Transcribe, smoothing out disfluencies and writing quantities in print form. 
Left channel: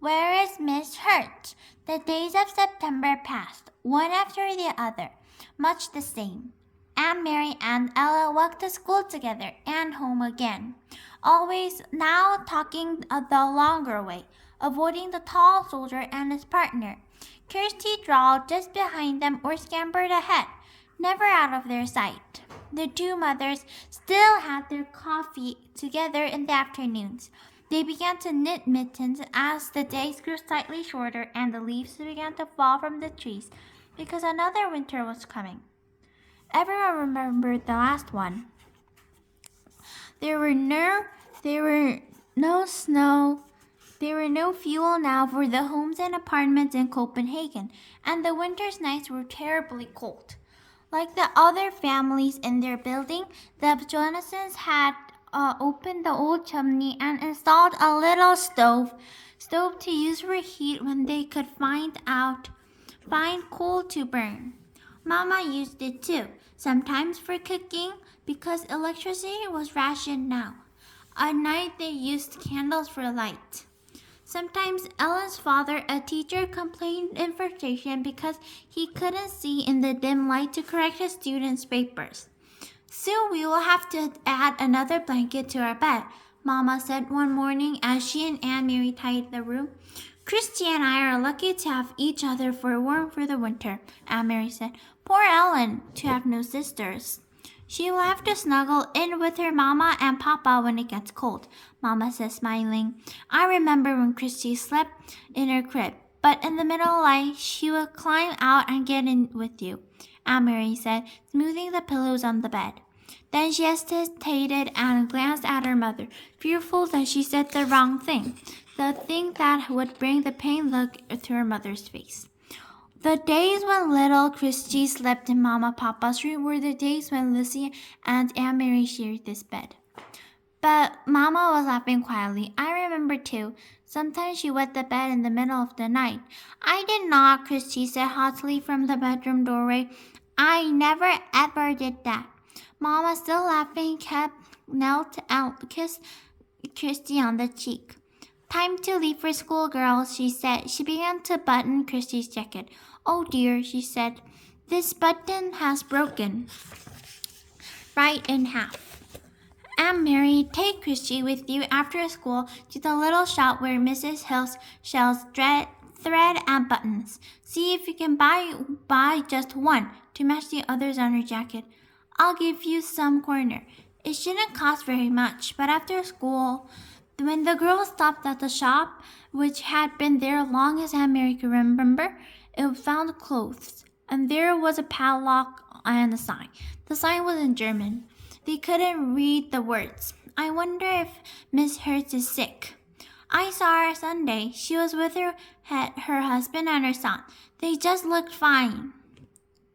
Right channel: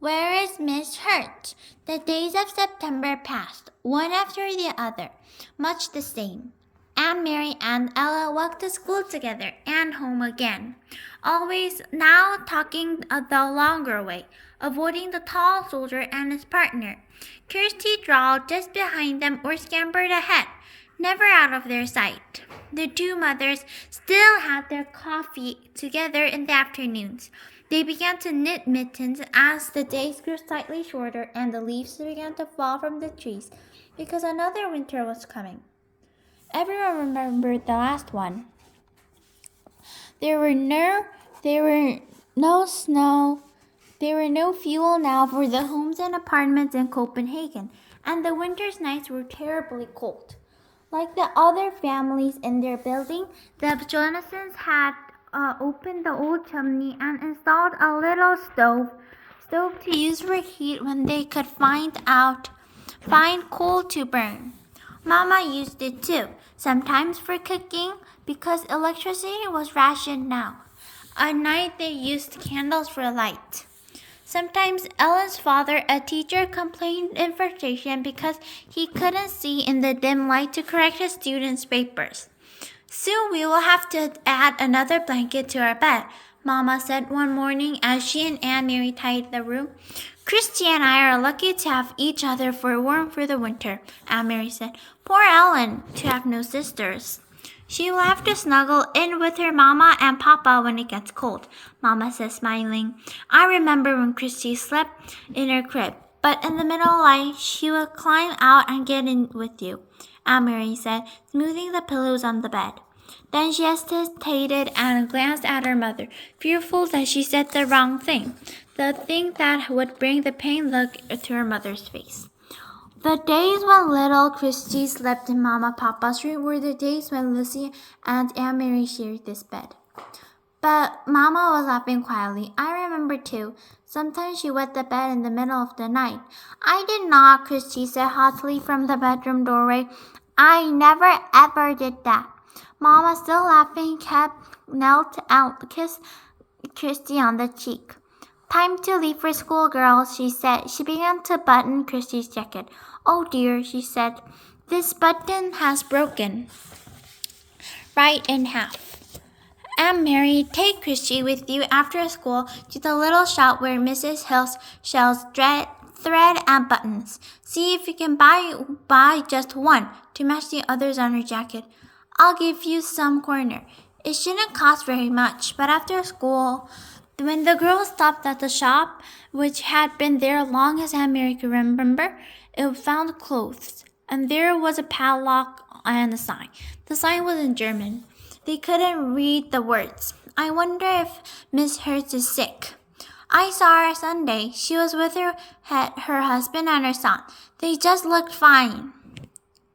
Where is Miss Hurt? The days of September passed, one after the other, much the same. Aunt Mary and Ella walked to school together and home again, always now talking the longer way, avoiding the tall soldier and his partner. Kirsty drawled just behind them or scampered ahead, never out of their sight. The two mothers still had their coffee together in the afternoons. They began to knit mittens as the days grew slightly shorter and the leaves began to fall from the trees because another winter was coming. Everyone remembered the last one. There were no snow. There were no fuel now for the homes and apartments in Copenhagen, and the winter's nights were terribly cold. Like the other families in their building, the Jonasons had opened the old chimney and installed a little stove to use for heat when they could find coal to burn. Mama used it too, sometimes for cooking, because electricity was rationed now. At night they used candles for light. Sometimes Ellen's father, a teacher, complained in frustration because he couldn't see in the dim light to correct his students' papers. Soon we will have to add another blanket to our bed, Mama said one morning as she and Aunt Mary tidied the room. Christy and I are lucky to have each other for warmth for the winter, Aunt Mary said. Poor Ellen, to have no sisters. She will have to snuggle in with her Mama and Papa when it gets cold, Mama said, smiling. I remember when Christy slept in her crib, but in the middle of the night she would climb out and get in with you, Aunt Mary said, smoothing the pillows on the bed. Then she hesitated and glanced at her mother, fearful that she said the wrong thing, the thing that would bring the pained look to her mother's face. The days when little Christy slept in Mama Papa's room were the days when Lucy and Aunt Mary shared this bed. But Mama was laughing quietly. I remember too. Sometimes she wet the bed in the middle of the night. I did not, Christy said haughtily from the bedroom doorway. I never ever did that. Mama, still laughing, knelt out, kissed Christy on the cheek. Time to leave for school, girls, she said. She began to button Christy's jacket. Oh dear, she said. This button has broken right in half. Aunt Mary, take Christy with you after school to the little shop where Mrs. Hill sells thread and buttons. See if you can buy just one to match the others on her jacket. I'll give you some corner. It shouldn't cost very much, but after school, when the girls stopped at the shop, which had been there long as Aunt Mary could remember, it found clothes, and there was a padlock and a sign. The sign was in German. They couldn't read the words. I wonder if Miss Hurt is sick. I saw her Sunday. She was with her husband and her son. They just looked fine.